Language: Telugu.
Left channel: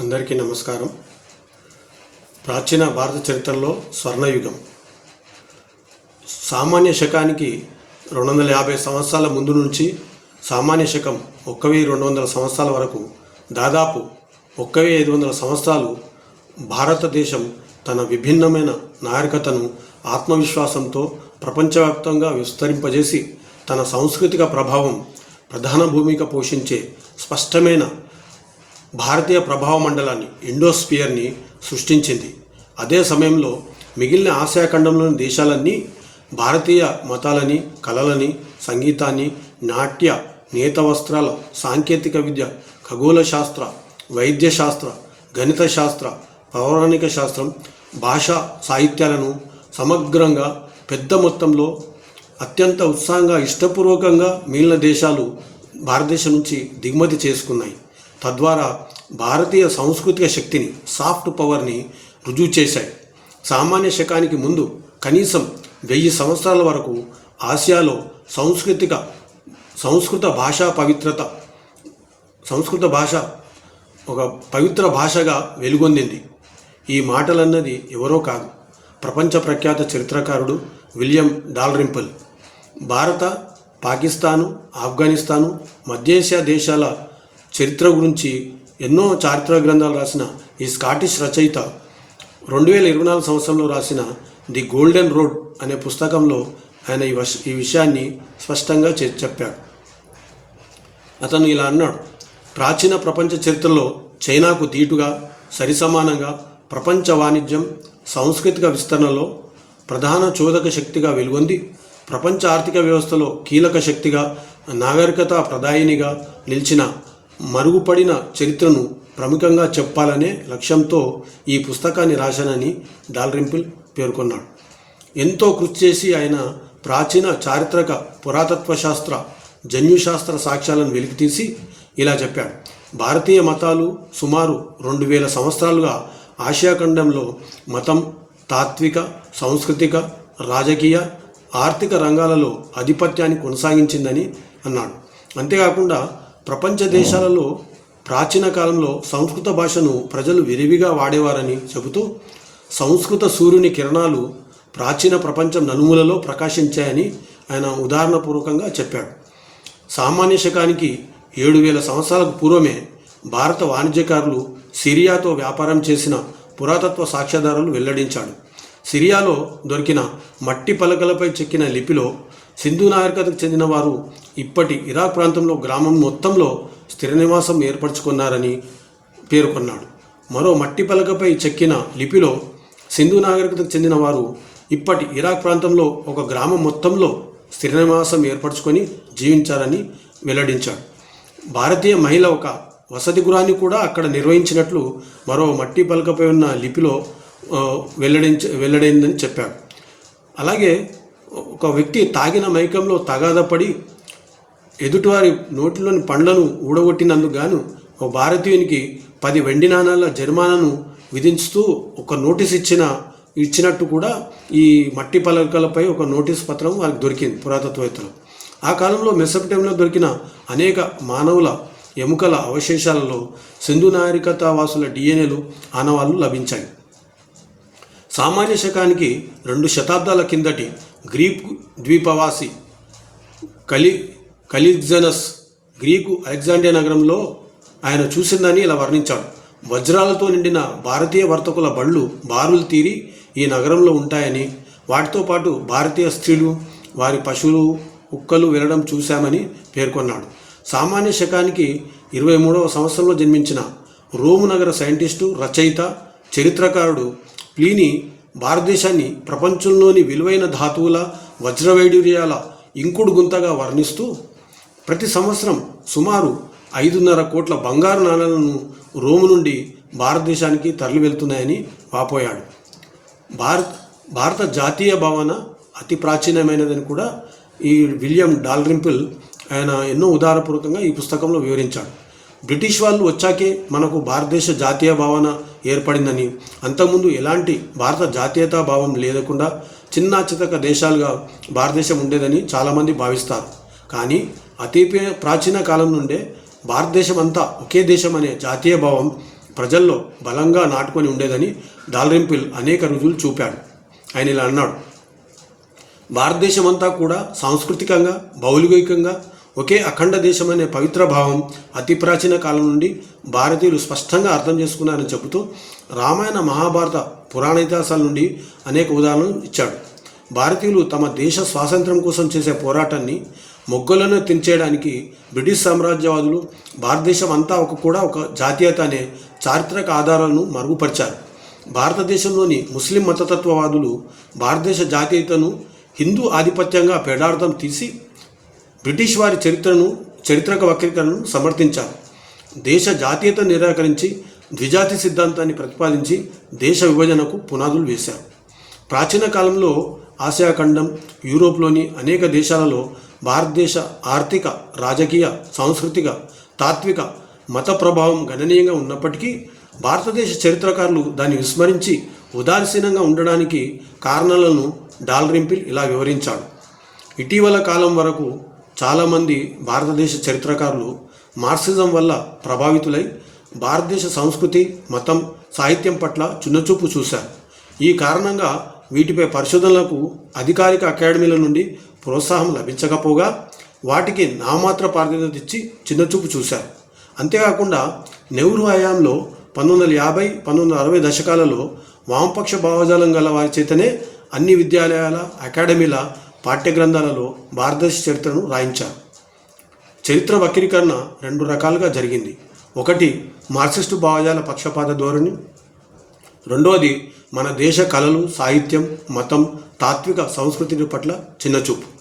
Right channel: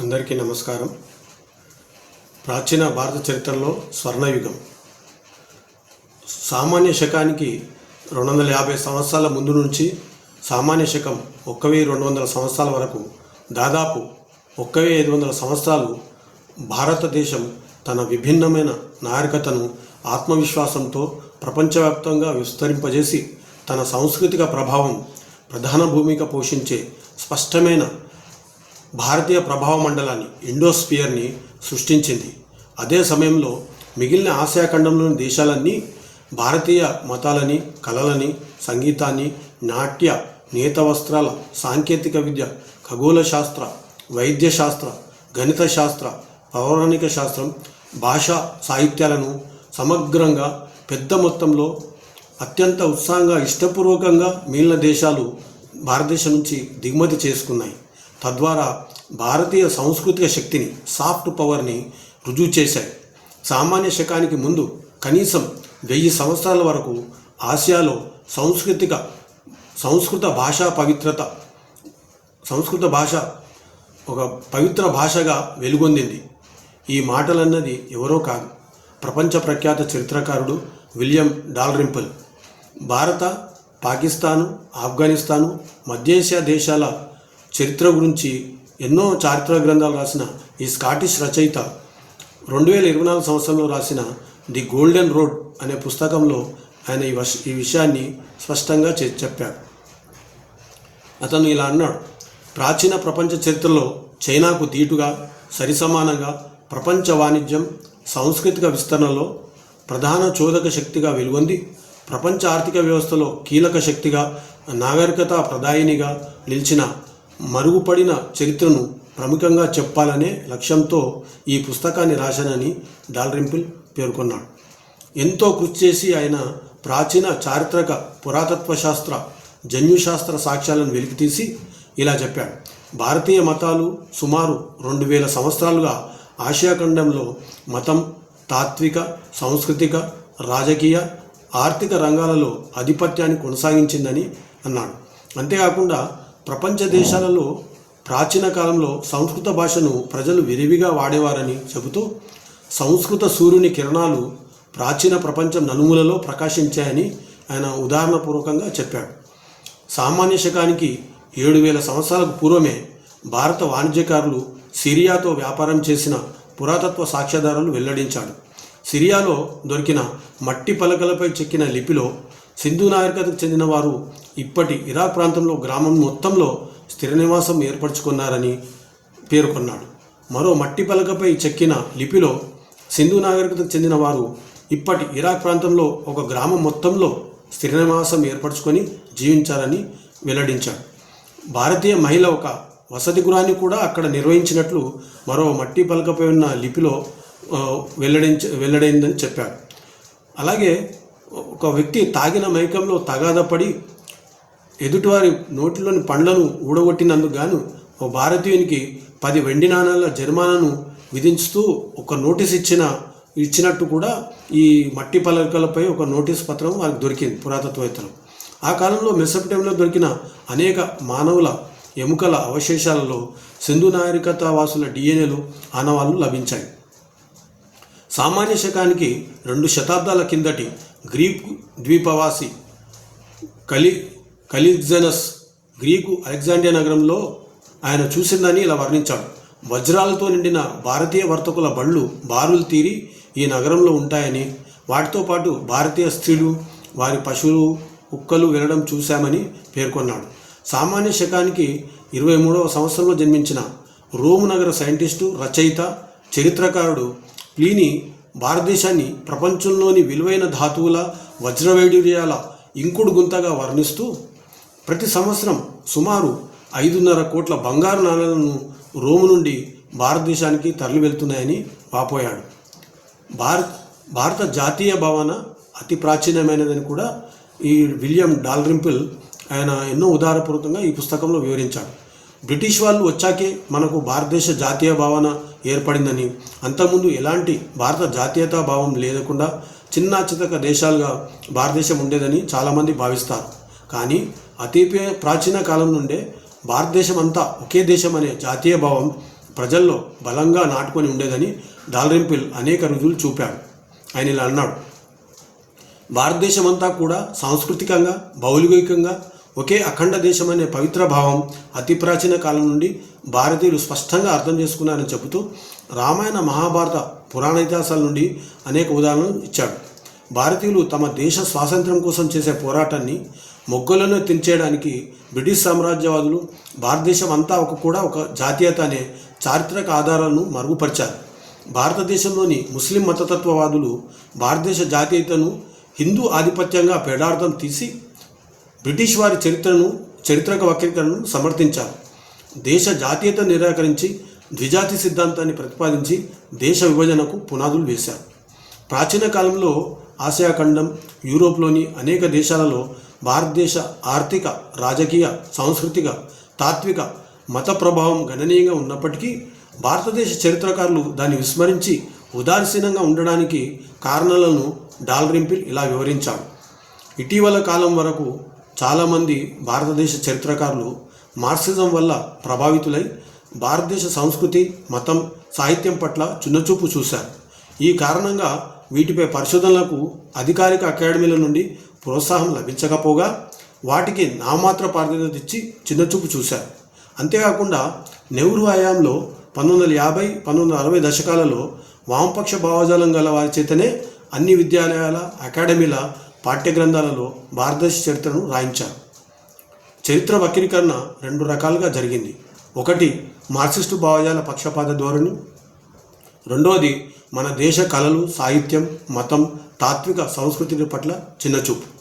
అందరికీ నమస్కారం. ప్రాచీన భారత చరిత్రలో స్వర్ణయుగం. సామాన్య శకానికి రెండు వందల యాభై సంవత్సరాల ముందు నుంచి సామాన్య శకం ఒక్క వెయ్యి రెండు వందల సంవత్సరాల వరకు దాదాపు ఒక్క వెయ్యి ఐదు వందల సంవత్సరాలు భారతదేశం తన విభిన్నమైన నాగరికతను ఆత్మవిశ్వాసంతో ప్రపంచవ్యాప్తంగా విస్తరింపజేసి తన సాంస్కృతిక ప్రభావం ప్రధాన భూమిక పోషించే స్పష్టమైన భారతీయ ప్రభావ మండలాన్ని ఇండోస్పియర్ని సృష్టించింది. అదే సమయంలో మిగిలిన ఆసియా ఖండంలోని దేశాలన్నీ భారతీయ మతాలని కళలని సంగీతాన్ని నాట్య నేత వస్త్రాల సాంకేతిక విద్య ఖగోళ శాస్త్ర వైద్య శాస్త్ర గణిత శాస్త్ర పౌరాణిక శాస్త్రం భాషా సాహిత్యాలను సమగ్రంగా పెద్ద మొత్తంలో అత్యంత ఉత్సాహంగా ఇష్టపూర్వకంగా మిగిలిన దేశాలు భారతదేశం నుంచి దిగుమతి చేసుకున్నాయి. తద్వారా భారతీయ సాంస్కృతిక శక్తిని సాఫ్ట్ పవర్ని రుజువు చేశాయి. సామాన్య శకానికి ముందు కనీసం వెయ్యి సంవత్సరాల వరకు ఆసియాలో సాంస్కృతిక సంస్కృత భాషా పవిత్రత సంస్కృత భాష ఒక పవిత్ర భాషగా వెలుగొందింది. ఈ మాటలన్నది ఎవరో కాదు ప్రపంచ ప్రఖ్యాత చరిత్రకారుడు విలియం డాల్రింపుల్. భారత పాకిస్తాను ఆఫ్ఘనిస్తాను మధ్యేషియా దేశాల చరిత్ర గురించి ఎన్నో చారిత్రక గ్రంథాలు రాసిన ఈ స్కాటిష్ రచయిత రెండు వేల ఇరవై నాలుగు సంవత్సరంలో రాసిన ది గోల్డెన్ రోడ్ అనే పుస్తకంలో ఆయన ఈ వష ఈ విషయాన్ని స్పష్టంగా చెప్పాడు. అతను ఇలా అన్నాడు ప్రాచీన ప్రపంచ చరిత్రలో చైనాకు దీటుగా సరిసమానంగా ప్రపంచ వాణిజ్యం సాంస్కృతిక విస్తరణలో ప్రధాన చోదక శక్తిగా వెలుగొంది ప్రపంచ ఆర్థిక వ్యవస్థలో కీలక శక్తిగా నాగరికత ప్రదాయినిగా నిలిచిన మరుగుపడిన చరిత్రను ప్రముఖంగా చెప్పాలనే లక్ష్యంతో ఈ పుస్తకాన్ని రాశానని డాల్రింపుల్ పేర్కొన్నాడు. ఎంతో కృషి చేసి ఆయన ప్రాచీన చారిత్రక పురాతత్వ శాస్త్ర జన్యుశాస్త్ర సాక్ష్యాలను వెలికితీసి ఇలా చెప్పాడు. భారతీయ మతాలు సుమారు రెండు వేల సంవత్సరాలుగా ఆసియా ఖండంలో మతం తాత్విక సాంస్కృతిక రాజకీయ ఆర్థిక రంగాలలో ఆధిపత్యాన్ని కొనసాగించిందని అన్నాడు. అంతేకాకుండా ప్రపంచ దేశాలలో ప్రాచీన కాలంలో సంస్కృత భాషను ప్రజలు విరివిగా వాడేవారని చెబుతూ సంస్కృత సూర్యుని కిరణాలు ప్రాచీన ప్రపంచం నలుమూలలో ప్రకాశించాయని ఆయన ఉదాహరణపూర్వకంగా చెప్పాడు. సామాన్య శకానికి ఏడు వేల సంవత్సరాలకు పూర్వమే భారత వాణిజ్యకారులు సిరియాతో వ్యాపారం చేసిన పురాతత్వ సాక్ష్యాధారాలు వెల్లడించాడు. సిరియాలో దొరికిన మట్టి పలకలపై చెక్కిన లిపిలో సింధు నాగరికతకు చెందిన వారు ఇప్పటి ఇరాక్ ప్రాంతంలో గ్రామం మొత్తంలో స్థిర నివాసం ఏర్పరచుకున్నారని పేర్కొన్నాడు. మరో మట్టి పలకపై చెక్కిన లిపిలో సింధు నాగరికతకు చెందిన వారు ఇప్పటి ఇరాక్ ప్రాంతంలో ఒక గ్రామం మొత్తంలో స్థిర నివాసం ఏర్పరచుకొని జీవించారని వెల్లడించాడు. భారతీయ మహిళ ఒక వసతి గృహాన్ని కూడా అక్కడ నిర్వహించినట్లు మరో మట్టి పలకపై ఉన్న లిపిలో వెల్లడించ వెల్లడైందని చెప్పాడు. అలాగే ఒక వ్యక్తి తాగిన మైకంలో తగాదపడి ఎదుటివారి నోటిలోని పండ్లను ఊడగొట్టినందుకు గాను ఒక భారతీయునికి పది వెండి నాణాల జరిమానాను విధించుతూ ఒక నోటీస్ ఇచ్చిన ఇచ్చినట్టు కూడా ఈ మట్టి పలకలపై ఒక నోటీస్ పత్రం వారికి దొరికింది పురాతత్వవేత్తలు. ఆ కాలంలో మెసపటంలో దొరికిన అనేక మానవుల ఎముకల అవశేషాలలో సింధు నాగరికత వాసుల డిఎన్ఏలు ఆనవాళ్ళు లభించాయి. సామాన్య శకానికి రెండు శతాబ్దాల కిందటి గ్రీకు ద్వీపవాసి కలి కలిగ్జనస్ గ్రీకు అలెగ్జాండియా నగరంలో ఆయన చూసిందని ఇలా వర్ణించాడు. వజ్రాలతో నిండిన భారతీయ వర్తకుల బళ్ళు బారులు తీరి ఈ నగరంలో ఉంటాయని వాటితో పాటు భారతీయ స్త్రీలు వారి పశువులు కుక్కలు వెళ్ళడం చూశామని పేర్కొన్నాడు. సామాన్య శకానికి ఇరవై మూడవ సంవత్సరంలో జన్మించిన రోము నగర సైంటిస్టు రచయిత చరిత్రకారుడు ప్లీని భారతదేశాన్ని ప్రపంచంలోని విలువైన ధాతువుల వజ్రవైడూర్యాల ఇంకుడు గుంతగా వర్ణిస్తూ ప్రతి సంవత్సరం సుమారు ఐదున్నర కోట్ల బంగారు నాణాలను రోము నుండి భారతదేశానికి తరలి వెళ్తున్నాయని వాపోయాడు. భారత్ భారత జాతీయ భావన అతి ప్రాచీనమైనదని కూడా ఈ విలియం డాల్రింపుల్ ఆయన ఎన్నో ఉదారపూర్వకంగా ఈ పుస్తకంలో వివరించాడు. బ్రిటిష్ వాళ్ళు వచ్చాకే మనకు భారతదేశ జాతీయ భావన ఏర్పడిందని. అంతకుముందు ఎలాంటి భారత జాతీయతా భావం లేకుండా చిన్న చితక దేశాలుగా భారతదేశం ఉండేదని చాలామంది భావిస్తారు. కానీ అతి ప్రాచీన కాలం నుండే భారతదేశం అంతా ఒకే దేశం అనే జాతీయ భావం ప్రజల్లో బలంగా నాటుకొని ఉండేదని దాల్రింపిల్ అనేక రుజువులు చూపాడు. ఆయన ఇలా అన్నాడు. భారతదేశం అంతా కూడా సాంస్కృతికంగా భౌగోళికంగా ఒకే అఖండ దేశం అనే పవిత్ర భావం అతి ప్రాచీన కాలం నుండి భారతీయులు స్పష్టంగా అర్థం చేసుకున్నారని చెబుతూ రామాయణ మహాభారత పురాణ ఇతిహాసాల నుండి అనేక ఉదాహరణలు ఇచ్చాడు. భారతీయులు తమ దేశ స్వాతంత్రం కోసం చేసే పోరాటాన్ని మొగ్గలను తెంచేయడానికి బ్రిటిష్ సామ్రాజ్యవాదులు భారతదేశం అంతా ఒక కూడా ఒక జాతీయత అనే చారిత్రక ఆధారాలను మరుగుపరిచారు. భారతదేశంలోని ముస్లిం మతతత్వవాదులు భారతదేశ జాతీయతను హిందూ ఆధిపత్యంగా పెడార్థం తీసి బ్రిటిష్ వారి చరిత్రను చరిత్రక వక్రీకరణను సమర్థించారు. దేశ జాతీయత నిరాకరించి ద్విజాతి సిద్ధాంతాన్ని ప్రతిపాదించి దేశ విభజనకు పునాదులు వేశారు. ప్రాచీన కాలంలో ఆసియా ఖండం యూరోప్లోని అనేక దేశాలలో భారతదేశ ఆర్థిక రాజకీయ సాంస్కృతిక తాత్విక మత ప్రభావం గణనీయంగా ఉన్నప్పటికీ భారతదేశ చరిత్రకారులు దాన్ని విస్మరించి ఉదాసీనంగా ఉండడానికి కారణాలను డాల్రింపిల్ ఇలా వివరించాడు. ఇటీవల కాలం వరకు చాలామంది భారతదేశ చరిత్రకారులు మార్క్సిజం వల్ల ప్రభావితులై భారతదేశ సంస్కృతి మతం సాహిత్యం పట్ల చిన్నచూపు చూశారు. ఈ కారణంగా వీటిపై పరిశోధనలకు అధికారిక అకాడమీల నుండి ప్రోత్సాహం లభించకపోగా వాటికి నామాత్ర ప్రాధాన్యత ఇచ్చి చిన్నచూపు చూశారు. అంతేకాకుండా నెహ్రూ హయాంలో పంతొమ్మిది వందల యాభై పంతొమ్మిది వందల అరవై దశకాలలో వామపక్ష భావజాలం గల వారి చేతనే అన్ని విద్యాలయాల అకాడమీల పాఠ్య గ్రంథాలలో భారతదేశ చరిత్రను రాయించారు. చరిత్ర వక్రీకరణ రెండు రకాలుగా జరిగింది. ఒకటి మార్క్సిస్టు భావజాల పక్షపాత ధోరణి. రెండవది మన దేశ కళలు సాహిత్యం మతం తాత్విక సంస్కృతి పట్ల చిన్నచూపు.